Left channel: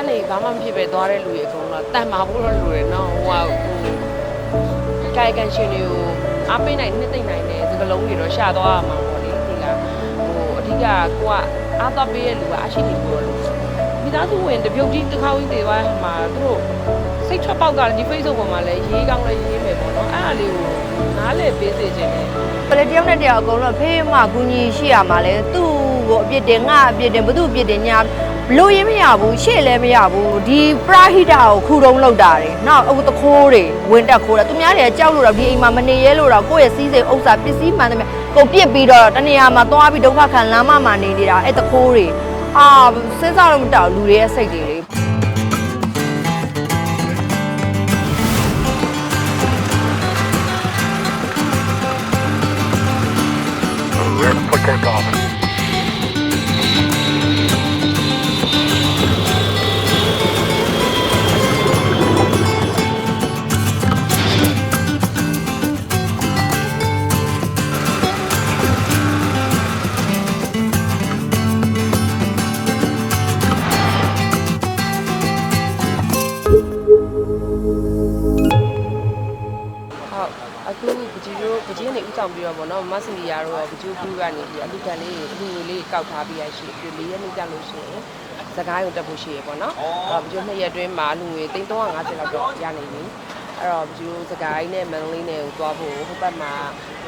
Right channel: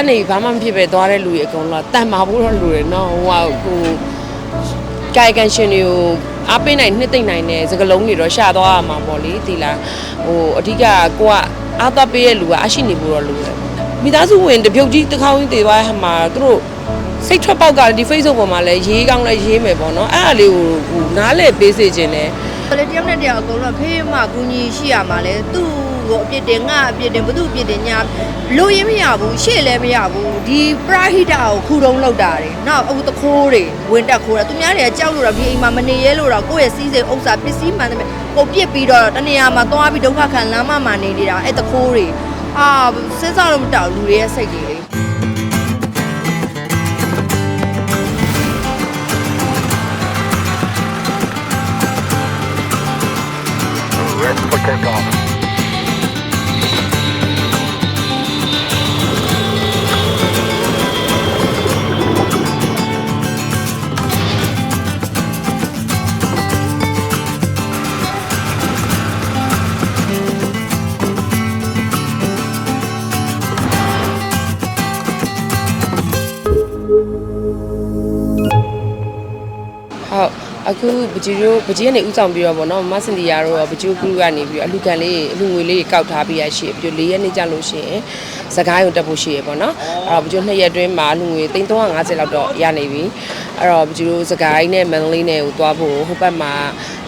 ကနေဘာမှမဖြစ်ပဲသွားတဲ့လူတွေအကုန်လုံးကတန်မာဖို့တော့လူတွေနော်ဟိုကဟိုကာယကံရှင်တွေကိုအားပေးနိုင်နှစ်သိမ့်နိုင်တဲ့စကလုံးတွေတော့ရှာသွားရမှာပေါ့လေဒီလားဟိုအဓိကကိုကအားသွားပေးရဲ့လူကအရှိနေဖို့တော့လို့မိသားစုဝင်တပြုတ်ကြီးတစ်ခေါင်းကြီးတည်သွားမှာသူတို့စိတ်ထွက်ပေါက်ကဒီ Facebook ပေါ်မှာလည်းရေးကောင်းလည်းရေးမယ်ပေါ့နော်အဲ့ဒါလေးကိုဟိုနားလေပေးစေခြင်းနဲ့ပရတယောက်နဲ့တယောက်အကုန်လုံးဖေးမှကူညီရှိရမှာလဲသူ့ကိုအ ပြစ်တင်ငါအပြစ်တင်ဘသူအပြစ်တင်ညာဘလို့ရင်မရဘူးရှေ့လည်းမရဘူးဒီပရာဟိတာကိုခူတုံးလောက်တာတယ်နော်အခုတခိုးတွေဝင်တက်ခိုးတာသူများတွေကကြောက်လို့တော့ဒီအိမ်မှာမနေရဲလို့တော့ကိုယ့်ရဲ့စီးစိမ်ဥစ္စာပစ္စည်းမှန်တယ်ပုံပြစ်ပြီးတော့တနေရာမှာသွားပြီးဒုက္ခခံလမ်းမမှာနေနေတာအဲ့တခိုးတွေအာစဉ်းစားလို့မတောက်လူတွေရဲ့စိတ်တွေလေ Red for takeoff. ဟု ပကြီးတို့ပကြီးကနေဥဆောင်ပြီးတော့ဗောနော်မဆင်ဒီယာတို့ရောပကြီးကလူကနေပြီးတော့အလူကန်လေးအလူငွေလေးကောက်ထားပြီးရရှိပြီးတော့၄ရက်နေ့ကြာလို့ရှိရင်စကိုင်းကိုတက်ဖို့ရှိရဗောနော်အဲ့တော့ပကြီးနှစ်ရက်အတွင်းမှာအလူငွေ350လောက်တော့ရနေပြီအဲ့တော့ပကြီးတို့စကိုင်းနဲ့မန္တလေးနဲ့ကိုသွားဖို့ဟိုဘက်မှာ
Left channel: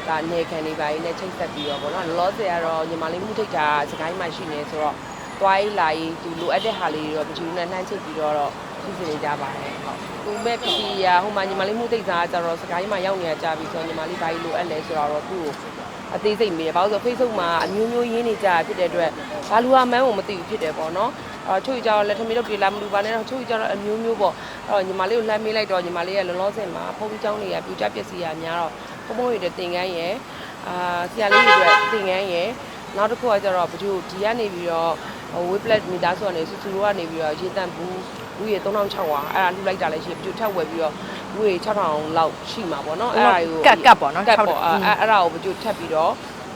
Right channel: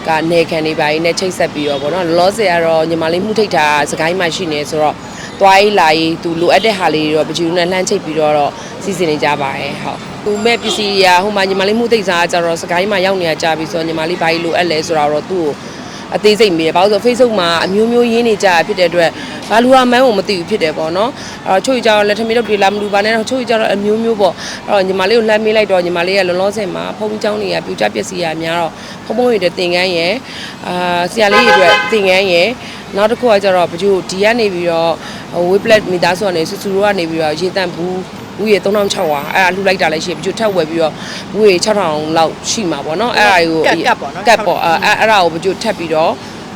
ကနေခံနေပါရင်နဲ့ချိတ်ဆက်ပြီးတော့ဗောနော်လောလောဆယ်ကတော့ညီမလေးမှုထိတ်တာစကိုင်းမှာရှိနေဆိုတော့ သွားရေးလာရေးသူလိုအပ်တဲ့ဟာလေးတွေတော့ပကြီးတို့နဲ့လှမ်းချိတ်ပြီးတော့စီစဉ်နေကြပါတယ်ဟုတ်ဟိုမဲ့ပစ္စည်းရာဟိုမှာညီမလေးမှုသိပ်စားကြတော့စကိုင်းမှာရောက်နေရကြပြီဆိုတော့ညီမလေးဘာကြီးလိုအပ်လဲဆိုတော့သူ့ကိုအသေးစိတ်မေးတယ်ဘာလို့ဆို Facebook မှာအမျိုးမျိုးရင်းနေကြဖြစ်တဲ့အတွက်ဘာလူဟာမန်းကိုမသိဘူးဖြစ်တယ်ပေါ့နော်အဲ့တော့ချို့ကြတော့လက်ထမီတော့ပြေလာမလူပါနဲ့တော့ချို့ကြတော့အမျိုးမျိုးပေါ့အဲ့တော့ညီမလေးကိုလှမ်းမေးလိုက်တော့ညီမလေးကလောလောဆယ်မှာဖုန်းချောင်းတွေကပြူကြပစ္စည်းရများတော့ဖုန်းဖုန်းရတဲ့သင်ကန်းရယ်အာဆရာလေးတွေအတွက်သင်ကန်းရယ်နောက်တစ်ခုကကျတော့ဘကျိုးဒီကနေပြီးတော့ ဝေးပလက်မီသားဆိုကနေဆူဆူတို့ကနေပြီးတော့ရေတန့်ဘူးဘူးရေ3600အဲ့ဒါလှူလိုက်တာလည်းရှိပြီကျိုးထပ်ဝယ်ပြီးတော့ဘူးရေ6000လောက်ရှိမှာပေါ့နော်အဲ့ဒါကိုကတ်ကတ်ပေါ့နော်ကတ်ပေါ့အဲ့အဲ့အဲ့ဒါကိုဘကျိုးထပ်ပြီးတော့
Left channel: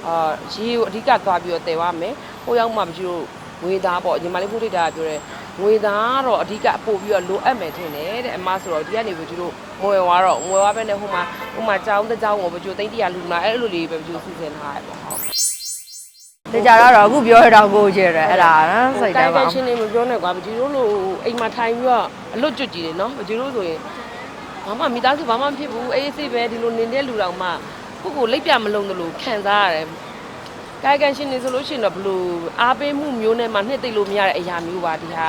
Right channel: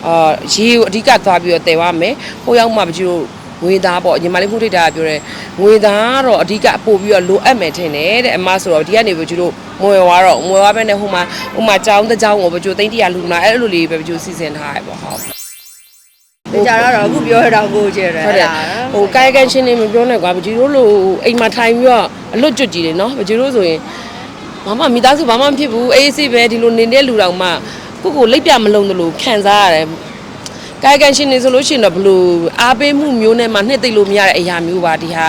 အာရေကိုအဓိကသွားပြီးတော့တည်သွားမယ်ဟိုရောက်မှဘကျိုးငွေသားပေါ့ညီမလေးမှုထိတ်တာကပြောတယ်ငွေသားတော့အဓိကပို့ပြီးတော့လိုအပ်မယ်ထင်တယ်တဲ့အမဆိုတော့ဒီကနေဘကျိုးတို့မွေဝါတော့မွေဝါပဲနဲ့ဟိုမှာဟိုမှာကြောင်းတစ်ကြောင်းကိုဘကျိုးသိန်းတရာလူနာအဲ့လိုလေးပဲဘကျိုးစီစဉ်ထားရပေါ့ဟုတ် ဒါကြတော့အခုပြောရတော့ကိုကြည့်ရတယ်ဟုတ်တယ်ဟိုကာယကံရှင်နေမပြောနဲ့ကွာပကြီးတို့လိုအိမ်မှာထိုင်ပြီးတော့အလွတ်ကျွတ်ကြည့်တယ်နော်ပကြီးတို့ဆိုရင်ဘာမှမိသားစုဘာမှမဖြစ်ဘူးအေးအေးပဲဒီလိုနေတဲ့လူတော်မှကိုကိုလိပ်ပြမလုံးသလိုခံစားရတယ်ကာယကံရှင်နေဆိုလို့ရှိရင်တော့ဘလို့အားပေးမှုမျိုးနဲ့မှနှစ်သိမ့်လို့မရတဲ့အရာမျိုးပါဒီဟာ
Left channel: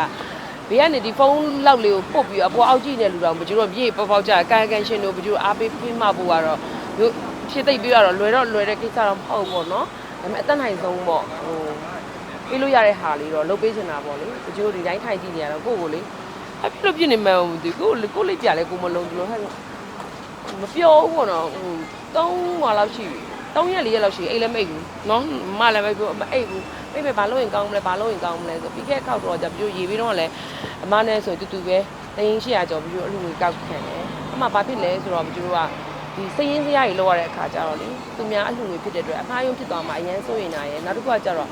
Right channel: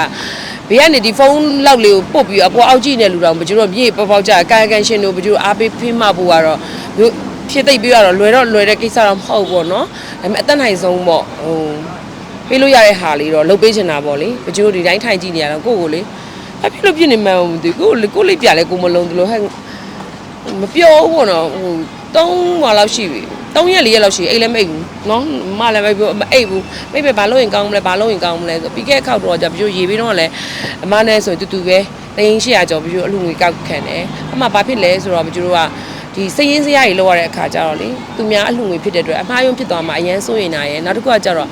ဘေးကနေဒီဖုန်းလောက်လေးကိုပုတ်ပြီးအပေါ်အောက်ကြည့်နေလူတော်ပကြီးတို့ပြေပေါပေါက်ကြကာယကံရှင်တို့ပကြီးတို့အားပေးဖိမဖို့ကတော့မျိုး ဖြစ်သိပ်ပြီးတော့လွယ်တော့လွယ်တဲ့ကိစ္စတော့မဟုတ်ဘူးပေါ့နော်ဒါပေမဲ့အသက်နိုင်ဆုံးပေါ့ဟိုပေးလို့ရတဲ့ဟာလေးတော့လုပ်ပေးချင်တာပေါ့လေပကြိုးဒီတိုင်းထိုင်ကြည့်နေရတော့ကိုယ့်ကိုလေအဖြစ်လို့ပြစ်နေမှန်းမသိဘူးကိုယ်လေကိုယ်လေးပြလဲကိုမလုံးတလို့ဟဲ့မပြောဘူးပေါ့နော်ဟို၃ဟွာလောက်ရှိပြီ၃ရက်၄ရက်လောက်ရှိအိတ်လည်းမအိတ်ဘူးနော်မလည်းမပြောမအိတ်ဘူးမိပဲဘာလို့ရင်ကောင်းမလဲဘာလို့ရင်ကောင်းမလဲဆိုပြီးခဲ့ခောက်တော့じゃပကြိုးရေပြီးတော့လည်းအမနဲ့ဆိုတူတူပဲတင်း800ကျော်ပကြိုးအလူငွေကောက်ခံတယ်အမှဘာဖြစ်လဲဆိုတော့ပကြိုးတို့က ဒီစည်ရင်းစရာကြီးလောက်ရတဲ့အခါကျတော့လေသူများအလှငွေဖြစ်တဲ့အတွက်အမှားယွင်းဖြစ်သွားမှာအရန်စိုးရင်နာရယ်နောက်တစ်ခုကကျတော့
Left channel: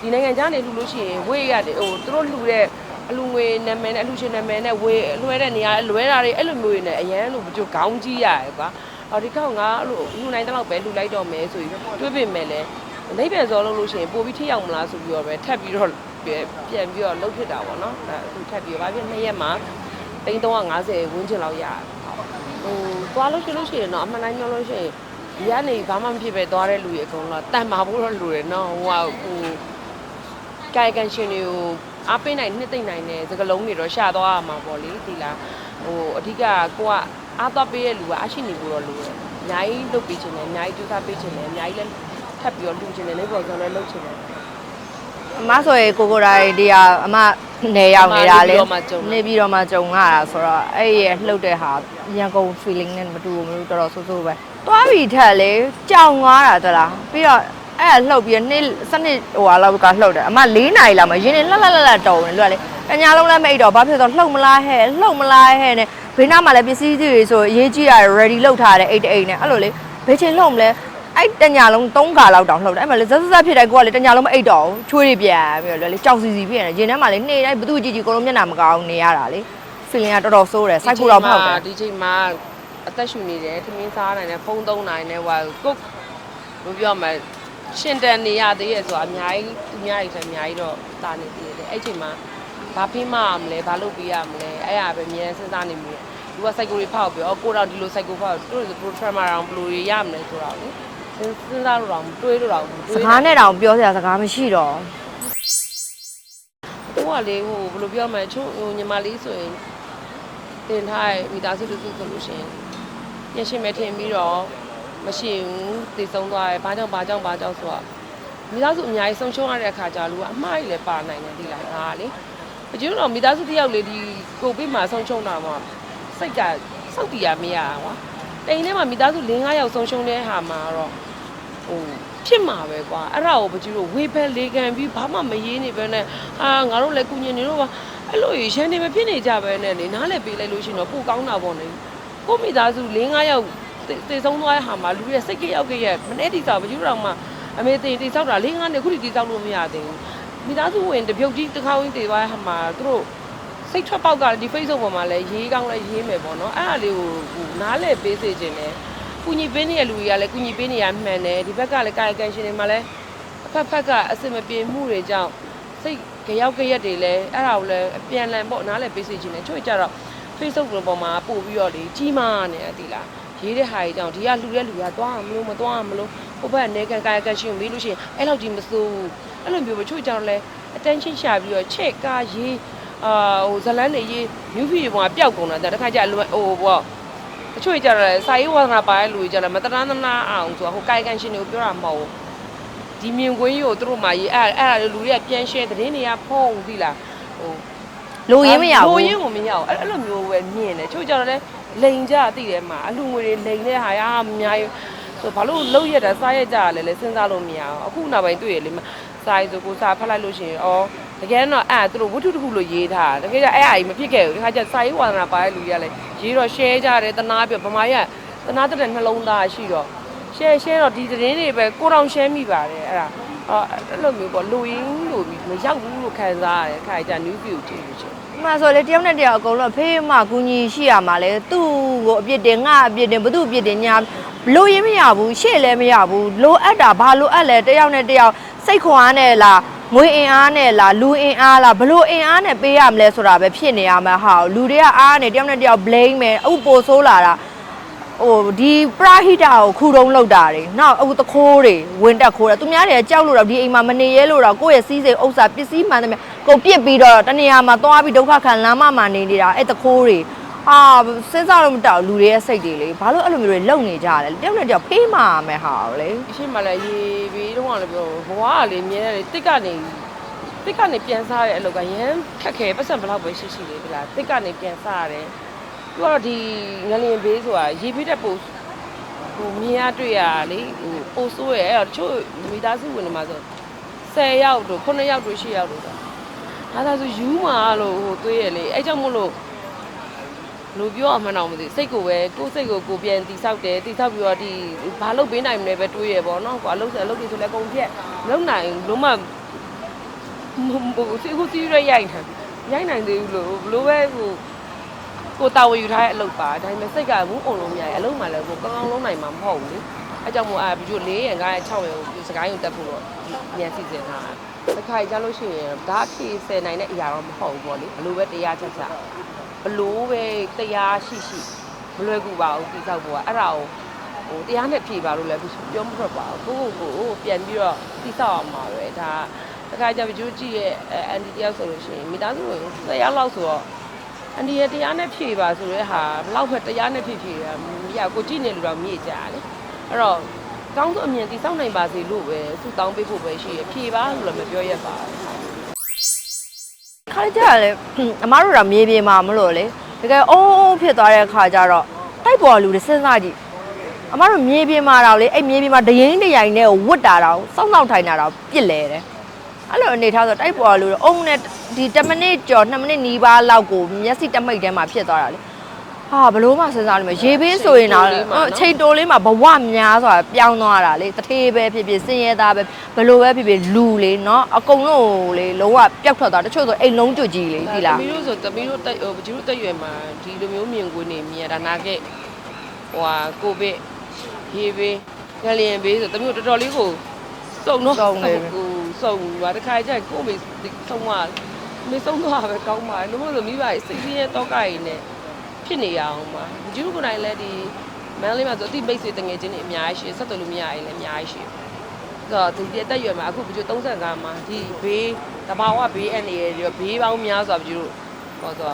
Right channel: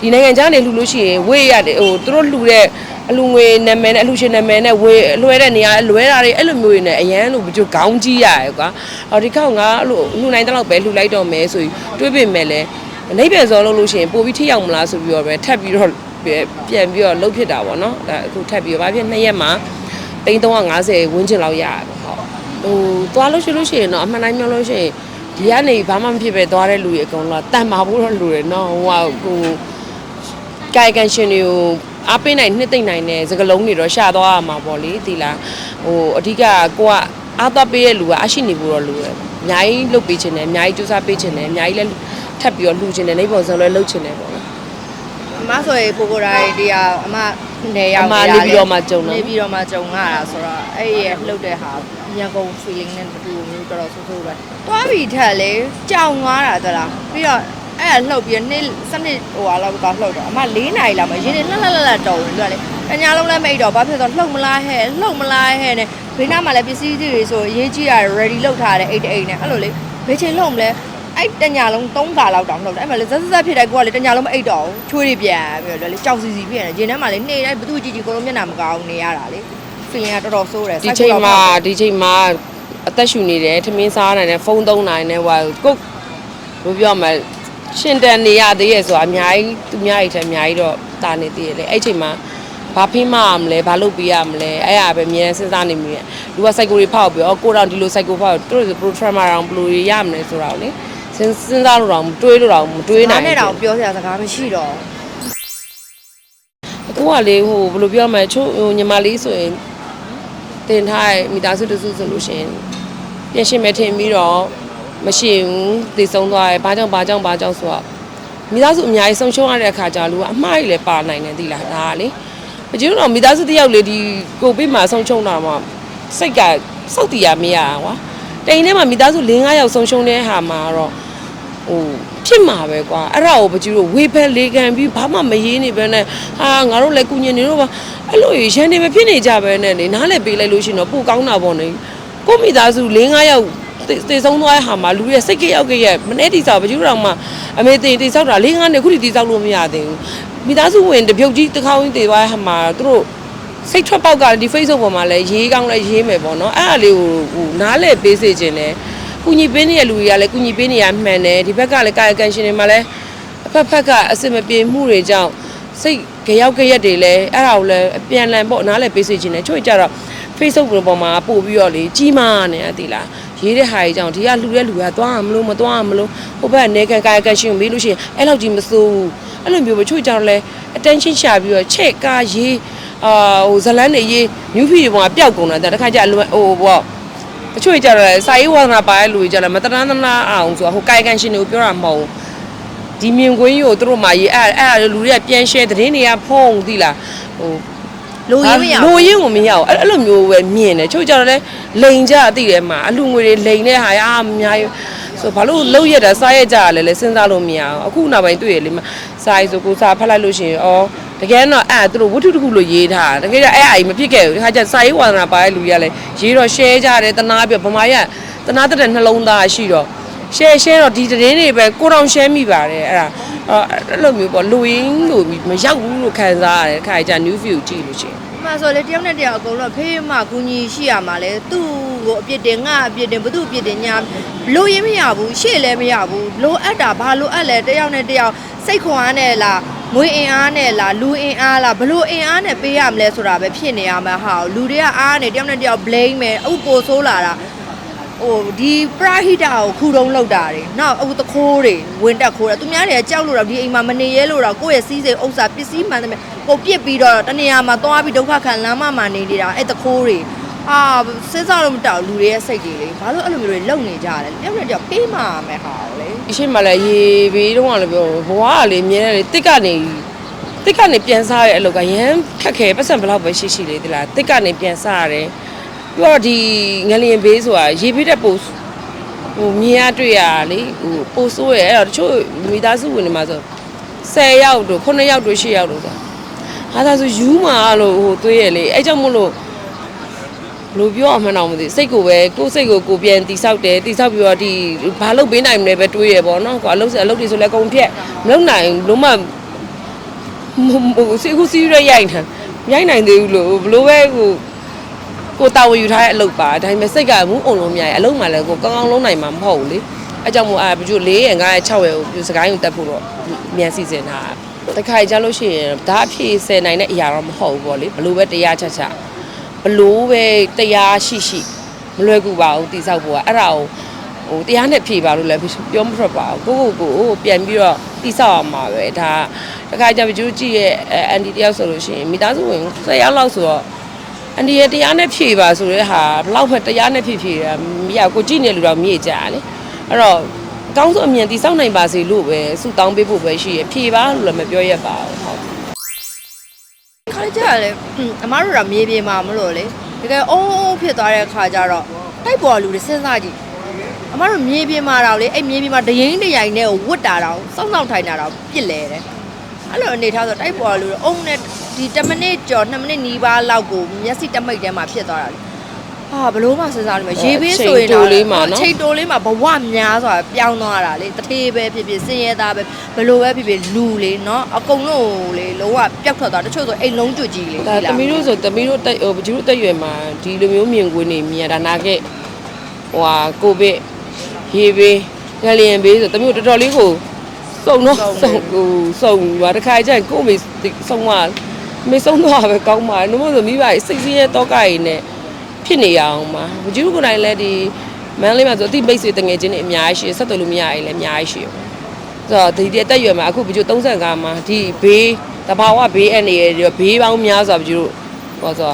ဒီနိုင်ငံခြားနေလှူလို့ရှိရင်ဝေးရတယ်ဟိုသူတို့လှူတဲ့အလူငွေနာမည်နဲ့အလှူရှင်နာမည်နဲ့ဝေးလွှဲတဲ့နေရာလွှဲတာတွေအဲ့လိုမျိုးတွေနဲ့အရန်လို့ဘကျခေါင်းကြီးရတယ်ကွာအော်ဒီခေါက်ငါအဲ့လိုလှူနိုင်တဲ့လောက်ပဲလှူလိုက်တော့မယ်ဆိုပြီးတွေးပြင်မယ်လဲနေပြန်စောလုပ်လို့ရှိရင်ပို့ပြီးထိရောက်မလားဆိုပြီးတော့ပဲထပ်ပြီးတော့ပြန်ပြီးတော့လှုပ်ဖြစ်တာပေါ့နော်ဒါအခုထပ်ပြီးတော့ဘာဖြစ်နှစ်ရက်မှာ350ဝန်းကျင်လောက်ရတယ် ဟုတ်ဟိုသွားလို့ရှိလို့ရှိရင်တော့အမှန်တိုင်းပြောလို့ရှိရင်ဒီကနေဘာမှမဖြစ်ပဲသွားတဲ့လူတွေအကုန်လုံးတန်မာဖို့တော့လူတွေနော်ဟိုကဟိုကာယကံရှင်တွေကိုအားပေးနိုင်နှစ်သိမ့်နိုင်တဲ့စကလုံးတွေတော့ရှာသွားရမှာပေါ့လေဒီလားဟိုအဓိကကိုကအားသွားပေးတဲ့လူကအရှိနေဖို့တော့လိုတယ်အများကြီးလုပ်ပေးခြင်းတယ်အများကြီးကြိုးစားပေးခြင်းတယ်အများကြီးလည်းထပ်ပြီးတော့လှူခြင်းတယ်နေပေါ်စံလည်းလှုပ်ခြင်းတယ်ပေါ့နော်အမဆိုရင်ကိုကိုတိုင်းဒီဟာအမနေရောက်နေတာအမနေပြီးတော့မှကြုံတာနေပြီးတော့မှကြုံရတာဆိုတော့အဲ့ဒီရဲ့လှုပ်တဲ့ဟာ ညကုန် feeling နဲ့မတူဘူးတော်တော်ဆိုးဆိုးပဲသွားပြီးထက်လေကြောင်သွားတာသလားပြီးတော့အဲ့ဒါလှုပ်ပြီးနေ့စနစ်ဟိုဟာလောက်ကလှုပ်တယ်အမ၄နာရီလောက်မှရင်းနေလှက်လှက်လှက်လှက်တော်တယ်လို့ကလေအညာလုံးလည်းမအိတ်တော့ဘာဖြစ်လို့လှုပ်မလားဟဲ့လှုပ်မလားဟဲ့နဲ့ဘေးနားမှာလည်းပစ္စည်းတွေဆိုအရေးကြီးတာ ready လုပ်ထားတယ်အိတ်တအိတ်နဲ့အဲ့လိုလေဘယ်ချိန်လှုပ်မလဲအဲ့တညာလုံး၃ခါလောက်တောင်လှုပ်တယ်အဲ့မှာလေဇက်ဇက်ဇက်ဖြစ်တိုင်းကိုကလေတညာလုံးမအိတ်တော့ဘူးချွေးတွေပြန်ပြီးတော့လေကြောက်စီစီဖြစ်နေရင်ထဲမှာလေနှိမ့်တိုင်းဘသူကြည့်ကြည့်ကိုလုံးမျက်နှာမကောင်းနေရတာလေ feeling ကတော်တော်ဆိုးတယ်ဒီချိန်မှာဒီချိန်မှာအသက်ရှူနေတယ်ထမင်းစားနိုင်တယ်ဖုန်းသုံးနိုင်တယ်ဟိုကုတ်ဘယ်ပြောမလဲရှင်တန်နေရသေးရဲ့ဆိုတာအများကြီးသူများကြီးထက်အများကြီးတော့တာနေသေးတယ်လေအဲ့ချိန်မှာဘာဖိမရမလဲဘာလုပ်ပေးရမလဲအဲ့အပဲအများစဉ်းစားနေမိတယ်လူကစိုက်ကိုတွေဖောက်ပြီးတော့ကိုတော့ဒီလိုစိုက်ကိုဖောက်သူတို့ programmer အောင်ဘယ်လိုတွေရမလဲဆိုတာကိုလေစဉ်းစဉ်းစားလို့တော့မတွေးလို့တော့မတွေးနိုင်အားနဲ့တောင်ပြောစရာစကားမရှိတော့သူကလေဟိုဘယ်လိုပြောမလဲချို့ဟိုညီမလေးဆိုရင် တင်ထားတဲ့မိသားစုတစုဆိုလို့ရှိရင်ပြင်ရှင်မဲ့ထင်ပြီးတော့မရှိဘူးတည်ဆုံးသွားတယ်ဘာကြောင့်ဘာကြောင့်ဘာကြောင့်ဆိုတော့မိသားစုအများကြီးဆုံးရှုံးရတဲ့အခါကျလူကအမှားကြီးလည်းပါနိုင်တယ်ဒီလားဒါကလေမကျတော့မိသားစုတစ်ယောက်လေဒီကိုပေးမှာဆုံးရှုံးတာမှစိတ်ကစောက်တီရမရတာကွာတိန်ထဲမှာမိသားစု၄၅ယောက်ဆုံးရှုံးတဲ့ဟာမှာတော့ဟို ဖြစ်မှာပဲကွာအဲ့ဒါကိုပကြီးတို့ဝေဖက်လေးခံပြီးဘာမှမရေးနေပဲနဲ့ဟာငါတို့လည်းကုညင်နေတော့ပါအဲ့လိုရန်နေမဖြစ်နေကြပဲနဲ့လေနားလည်းပေးလိုက်လို့ရှိရင်တော့ပိုကောင်းတာပေါ့နေကိုမိသားစု၄၅ယောက်တေဆုံးသွားတဲ့ဟာမှာလူရဲ့စိတ်ကြက်ရောက်ကြက်မနေ့တိစားပကြီးတို့တော့မှအမေတင်တိဆောက်တာ၄၅နှစ်ခုထိတိဆောက်လို့မရသေးဘူးမိသားစုဝင်တပြုတ်ကြီးတစ်ခေါင်းတေသွားတဲ့ဟာမှာသူတို့စိတ်ထွက်ပေါက်ကဒီ Facebook ပေါ်မှာလည်းရေးကောင်းလည်းရေးမယ်ပေါ့နော်အဲ့ဒါလေးကိုဟိုနားလည်းပေးစေခြင်းလဲ ကုညီပေးနေတဲ့လူတွေကလည်းကုညီပေးနေရမှန်တယ်ဒီဘက်ကလည်းကာယကံရှင်တွေမှာလည်းအဖက်ဖက်ကအစင်မပြေမှုတွေကြောင့်စိတ်ကြရောက်ကြရက်တွေလည်းအဲ့ဒါကိုလည်းအပြန်လန်ပေါ့နားလည်းပေးစေချင်တယ်ချို့ကြတော့ Facebook ပေါ်မှာပို့ပြီးတော့လေကြီးမားနေရသေးလားရေးတဲ့ဟာကြီးကြောင့်ဒီကလူရဲ့လူကသွားမလို့မသွားမလို့ဟိုဘက်ကနေကန်ကာယကံရှင်ကိုမေးလို့ရှိရင်အဲ့လောက်ကြီးမစိုးဘူးအဲ့လိုမျိုးပဲချို့ကြတော့လဲ attention ရှာပြီးတော့ချက်ကားရေးအာဟိုဇလန်းတွေရေး new feed တွေပေါ်မှာပျောက်ကုန်တာတခါကျအလွယ်ဟိုပေါ့ တချို့ကြတော့စာရေးဝါသနာပါတဲ့လူတွေကြတော့မတရဏနာအောင်ဆိုတော့ဟိုကာယကံရှင်တွေကိုပြောတာမဟုတ်ဘူးဒီမြင်ကွင်းကြီးကိုသူတို့မှရေးအဲ့အဲ့လူတွေကပြန် share သတင်းတွေကဖုံးသီလားဟိုလူရင်းမရလူဘူးရင်းကိုမရအောင်အဲ့အဲ့လိုမျိုးပဲမြင်တယ်ချို့ကြတော့လဲလိန်ကြအသိတယ်မှာအလူငွေတွေလိန်တဲ့ဟာရအများကြီးဆိုဘာလို့လှုပ်ရက်တာစားရက်ကြရလဲလဲစဉ်းစားလို့မရအောင်အခုနောက်ပိုင်းတွေ့ရလေမစားရဆိုကိုစားဖတ်လိုက်လို့ရှိရင်ဩ တကယ်တော့အဲ့သူတို့ဝတ္ထုတစ်ခုလို့ရေးထားတာတကယ်တော့အဲ့အရာကြီးမဖြစ်ခဲ့ဘူးဒီခါကျစာရေးဝါသနာပါတဲ့လူတွေကလည်းရေးတော့ share ကြတယ်တနာပြဗမာရတနာတဲ့နှလုံးသားရှိတော့ share share တော့ဒီသတင်းတွေပဲကိုတောင် share မိပါတယ်အဲ့ဒါအဲ့လိုမျိုးပေါ့လူရင်းလို့မရောက်ဘူးလို့ခံစားရတယ်ခါကျ new view ကြည့်လို့ရှိရင်အမှဆိုလေတယောက်နဲ့တယောက်အကုန်လုံးဖေးမကူညီရှိရမှာလေသူ့ကိုအပြစ်တင်ငါအပြစ်တင်ဘသူ့အပြစ်တင်ညာလူရင်းမရဘူးရှေ့လည်းမရဘူးလိုအပ်တာဘာလိုအပ်လဲတယောက်နဲ့တယောက်စိတ်ခွန်အားနဲ့လား ငွေအင်အားနဲ့လားလူအင်အားလားဘလို့အင်အားနဲ့ပေးရမလဲဆိုတာပဲဖြစ်နေရမှာဟာလူတွေကအားနဲ့တယောက်နဲ့တယောက် blame မယ်ဥပ္ပိုဆိုးလာတာဟိုဒီပရာဟိတာကိုခူတုံးလောက်တာတွေနော်အခုတခိုးတွေဝင်တက်ခိုးတာသူများတွေကကြောက်လို့တော့ဒီအိမ်မှာမနေရဲလို့တော့ကိုယ့်ရဲ့စီးစိမ်ဥစ္စာပစ္စည်းမှန်တယ်ကုန်ပြစ်ပြီးတော့တနေရာမှာသွားပြီးဒုက္ခခံလမ်းမမှာနေနေတာအဲ့တခိုးတွေ အာစဉ်းစားလို့မတောက်လူတွေရဲ့စိတ်တွေလေဘာလို့အဲ့လိုမျိုးတွေလုံနေကြတယ်လဲတယောက်နဲ့တယောက်ပေးမှာမယ်ဟာလေအရှိမလည်းရေဘေးတော့ကလည်းပြောဘဝကလေမြဲတယ်လေတစ်ကနေတစ်ကနေပြန်စားရတဲ့အလုပ်ကရမ်းခက်ခဲပတ်စံဘယ်လောက်ပဲရှိရှိလေဒီလားတစ်ကနေပြန်စားရတယ်ပြီးတော့ဒီငလျင်ဘေးဆိုတာရေဘေးတဲ့ပို့ဟိုမြင်ရတွေ့ရတာလေဟိုပို့ဆိုးရအဲ့တော့တချို့မိသားစုဝင်တွေမှာဆို10ယောက်တို့9ယောက်တို့10ယောက်တို့ဆိုဟာဒါဆိုယူမာလို့ဟိုသွေးရလေအဲ့ကြောင့်မို့လို့ လို့ပြောအောင်မှန်းတော့မသိစိတ်ကိုပဲကိုယ်စိတ်ကိုကိုယ်ပြန်တိဆောက်တယ်တိဆောက်ပြီးတော့ဒီဘာလုပ်ပေးနိုင်မလဲပဲတွေးရပေါ့နော်ကွာအလုပ်စအလုပ်တွေဆိုလဲအကုန်ဖြက်မလုပ်နိုင်လုံးမဟိုစီခုစီရရိုက်နေရိုက်နိုင်သေးဘူးလို့ဘလို့ပဲဟိုကိုတာဝန်ယူထားတဲ့အလုပ်ပါဒါပေမဲ့စိတ်ကမူးအောင်လို့မရရင်အလုပ်မှလည်းကိုကောင်းကောင်းလုပ်နိုင်မှာမဟုတ်ဘူးလေအဲကြောင့်မို့အာဘီကျို၄ရ၅ရ6ရကိုစကိုင်းကိုတက်ဖို့တော့မြန်စီစဉ်တာတခါကြလို့ရှိရင်ဒါအဖြစ်ဆယ်နိုင်တဲ့အရာတော့မဟုတ်ဘူးပေါ့လေဘလို့ပဲတရားချက်ချက် ဘလို့ပဲတရားရှိရှိမလွယ်ကူပါဘူးတိဆောက်ဖို့ကအဲ့ဒါကိုဟိုတရားနဲ့ဖြေပါလို့လည်းပြောမထွက်ပါဘူးကိုကိုကိုပြန်ပြီးတော့တိဆောက်အောင်ပါပဲဒါတခါကျမကျူးကြည့်ရဲ့အန်တီတယောက်ဆိုလို့ရှိရင်မိသားစုဝင်10ယောက်လောက်ဆိုတော့အန်တီရဲ့တရားနဲ့ဖြေပါဆိုတဲ့ဟာဘလောက်ပဲတရားနဲ့ဖြေဖြေတာမရကိုကြည့်နေလူတော့မြည်ကြတယ်အဲ့တော့အကောင်းဆုံးအမြင်တိဆောက်နိုင်ပါစေလို့ပဲဆုတောင်းပေးဖို့ပဲရှိရဖြေပါလို့လည်းမပြောရပါဘူးဟုတ်ခါ ကြရလဲအမားတို့ကမြေပြင်မှာမလို့လေတကယ်အိုးအိုးဖြစ်သွားတဲ့အခါကျတော့တိုက်ပေါ်လူတွေစဉ်းစားကြည့်အမားတို့မြေပြင်မှာတော့လေအဲ့မြေပြင်မှာဒရင်တရိုင်နဲ့ကိုဝတ်တာတော့စောင့်ဆောင်ထိုင်တာတော့ပြစ်လဲတယ်အဲ့လိုအနေထားဆိုတိုက်ပေါ်လူတွေအုံနဲ့ဒီ10မိနစ်ကျော်2မိနစ်နီးပါးလောက်ကိုမျက်စိတမိတ်ထဲမှာဖြစ်သွားတာလေ ဟာဘလို့မှစဉ်းစားလို့မရေပင်းဆိုရင်တော့ချိန်တိုလေးမှာနော်ချိန်တိုလေးမှာဘဝများစွာပြောင်းသွားတာလေတထေးပဲဖြစ်ဖြစ်စင်ရဲသားပဲဘလို့ပဲဖြစ်ဖြစ်လူလေနော်အကုန်လုံးလေလုံးဝပျောက်ထွက်သွားတချို့ဆိုအိမ်လုံးကျွတ်ကြီးလေဒါဒီတလားမီးတို့ဆိုတမီးတို့တက်ဟိုပကျူတို့တက်ရွယ်မှာဒီလိုမျိုးမြင်ကွင်းနေမြင်ရတာနာခဲ့ဟိုဟာကိုဗစ်ရေဘေးငလျင်ဘေးဆိုတမီးတို့တော်တော်လေးကိုစုံတော့စုံဟိုစုံပါတခါကျရင်ကိုယ်မေစုံသွားမေစုံသွားပဲကောင်းပါလို့မို့ဆိုမိဘကြီးစိတ်ဆင်းရဲတော့ကကြီးနဲ့ ဖြစ်နေရအောင်ပါပကျူကိုယ်တိုင်လည်းဒီမန်းလေးမှာဆိုအတိမိတ်ဆွေတငယ်ချင်းတွေအများကြီးရှိဆက်သွယ်လို့မရရင်လည်းအများကြီးရှိတယ်ဆိုတော့ဒီတက်တက်ရွယ်မှာအခုဘကျို35မှာဒီဘေးတဘာဝဘေးအနေရပြီးဘေးပေါင်းများစွာဘကျိုဟောဆို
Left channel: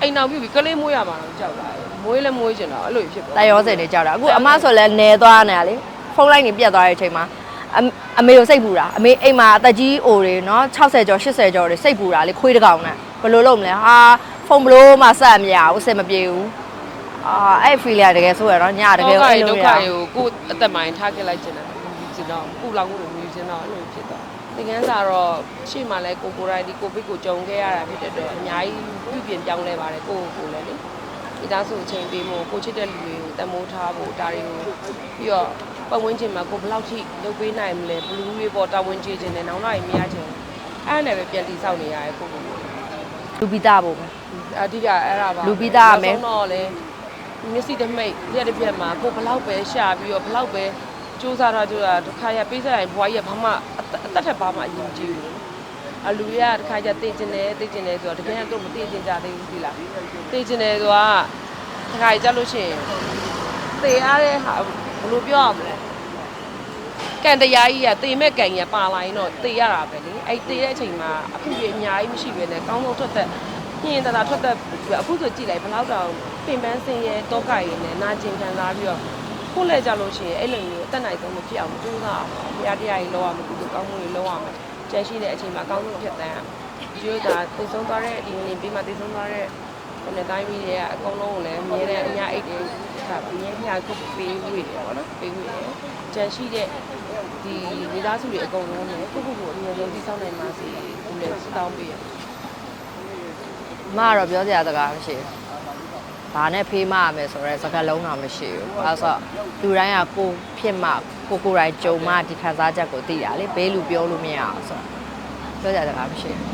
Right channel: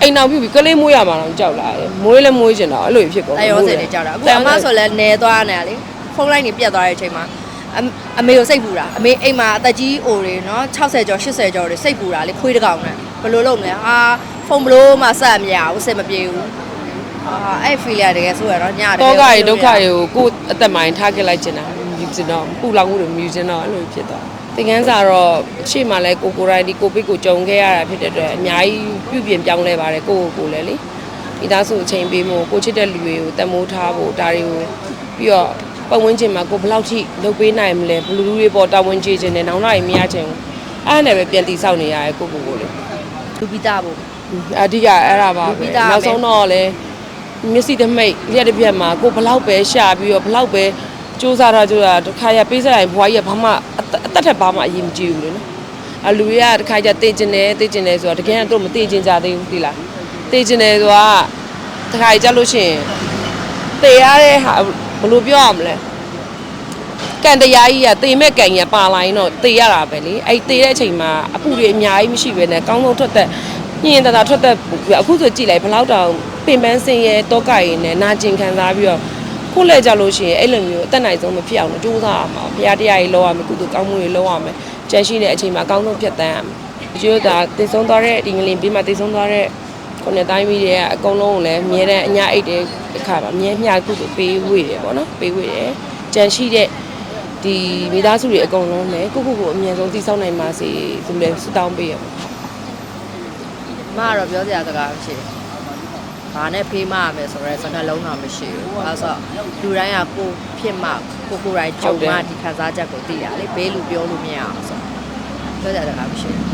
အိမ်နောက်ပြုပြီးကလေးမွေးရမှာတော့ကြောက်လာတယ်မွေးလည်းမွေးကျင်တော့အဲ့လိုဖြစ်ကုန်အယောစက်တွေကြောက်တာအခုအမဆိုလဲနေသွားနေတာလေဖုန်းလိုက်နေပြတ်သွားတဲ့အချိန်မှာအမအမေကိုစိတ်ပူတာအမေအိမ်မှာအသက်ကြီးအိုတွေနော်60ကျော်80ကျော်တွေစိတ်ပူတာလေခွေးတစ်ကောင်နဲ့ ဘယ်လိုလုပ်မလဲဟာဖုန်းဘလို့မှစက်မရဘူးအဆင်မပြေဘူးအာအဲ့ဖီလီယာတကယ်ဆိုရတော့ညတကယ်တော့ကရေဒုက္ခတွေကိုကိုယ်အသက်မိုင်းထားခဲ့လိုက်ကျင်တာယူကျင်တော့ပူလောင်မှုတွေမြူကျင်တော့အဲ့လိုဖြစ်သွားသင်ခန်းစာတော့ရှေ့မှာလဲကိုကိုရိုင်းဒီကိုဗစ်ကိုကြုံခဲ့ရတာဖြစ်တဲ့အတွက်အများကြီးပြုပြင်ပြောင်းလဲပါတယ်ကိုကိုကိုလည်းလေဒီသားစုအချိန်ပေးမို့ကိုချစ်တဲ့လူတွေကိုတမိုးထားဖို့ဒါတွေကိုပြီးတော့ပတ်ဝန်းကျင်မှာကိုဘယ်လောက်ထိလုပ်ပေးနိုင်မလဲဘလူးတွေပေါ်တာဝန်ကျေခြင်းနဲ့နောင်လာရင်မရချင်ဘူးအဲ့ဒါနဲ့ပဲပြန်တည်ဆောက်နေရတယ်ကိုကိုကိုလေ လူပိတာဖို့အဓိကအဲ့ဒါပါလူပဲပြီးသားပဲ နောက်ဆုံးတော့လေမျက်စိတစ်မိတ်ရက်တစ်ပြက်မှာကိုဘလောက်ပဲရှာပြီးတော့ဘလောက်ပဲစူးစမ်းတာကြိုးတာတစ်ခါရပေးစားရင်ဘွားကြီးကဘာမှအသက်အသက်ထက်ဘာမှအရင်မကြည့်ဘူးလေနော်အလူတွေကတစ်ခါကျတေးကျင်တယ်တေးကျင်တယ်ဆိုတော့တကယ်တော့မတေးကျင်ကြသေးဘူးဒီလားတေးကျင်တယ်ဆိုတာတစ်ခါကြလို့ရှိရင်တေးရတဲ့ဟာဘယ်လိုပြောရမလဲ ကန်တရားကြီးကတေမဲ့ကန်ကြီးကပါလာရင်တော့တေးရတာပဲလေအဲ့တေးတဲ့အချိန်မှာအပူတွေအများကြီးမရှိဘဲနဲ့ကောင်းကောင်းထွက်သက်ညင်တတာထွက်သက်အခုဆိုကြည့်လိုက်ဘယ်လောက်တောင်ပင်ပန်းစင်ရဲတောကရည်နဲ့နာကျင်ခံစားပြီးတော့ခုလဲကြလို့ရှိရင်အဲ့လိုမျိုးအသက်နိုင်ဆုံးမဖြစ်အောင်လို့ကြိုးစားရမှာဘုရားတရားကြီးလောရမယ်ကုသိုလ်ကောင်းမှုတွေလောရမယ်ကြံရှိတဲ့အချိန်မှာအကောင်းဆုံးဖြတ်တန်းရမယ်ဒီလိုဒါတည်ဆုံးသွားတဲ့ဒီငလင်ပြီးမှတည်ဆုံးသွားတဲ့ခုနှစ်တိုင်းပြီးတွေကအကုန်လုံးကိုလည်းမြဲတဲ့အညာအိတ်တဲ့အခါမှာမြဲမြကုသိုလ်ပေးဝေတယ်ပေါ့နော်ပေးဝေတယ်ကြံရှိတဲ့ ဒီမိသားစုတွေအကုန်လုံးလည်းကိုကိုကိုအမြဲဆုံးတည်ဆောက်နိုင်ပါစေဒီလိုလဲဆုတောင်းပေးရပါအမကတော့ပြောစရာတကားမရှိဘူးဘာနဲ့ဖေးမရမယ်ဆိုတော့စကားလုံးတော့မရှိဘူးအဲဆိုလူတိုင်းကကိုဖြစ်မှကိုကိုယ်တိုင်ကြုံမှဒီခံစားချက်ကိုသိရလေဘေးလူပြောလို့မရဘူးဆိုပြောစရာတကားမရှိဘူး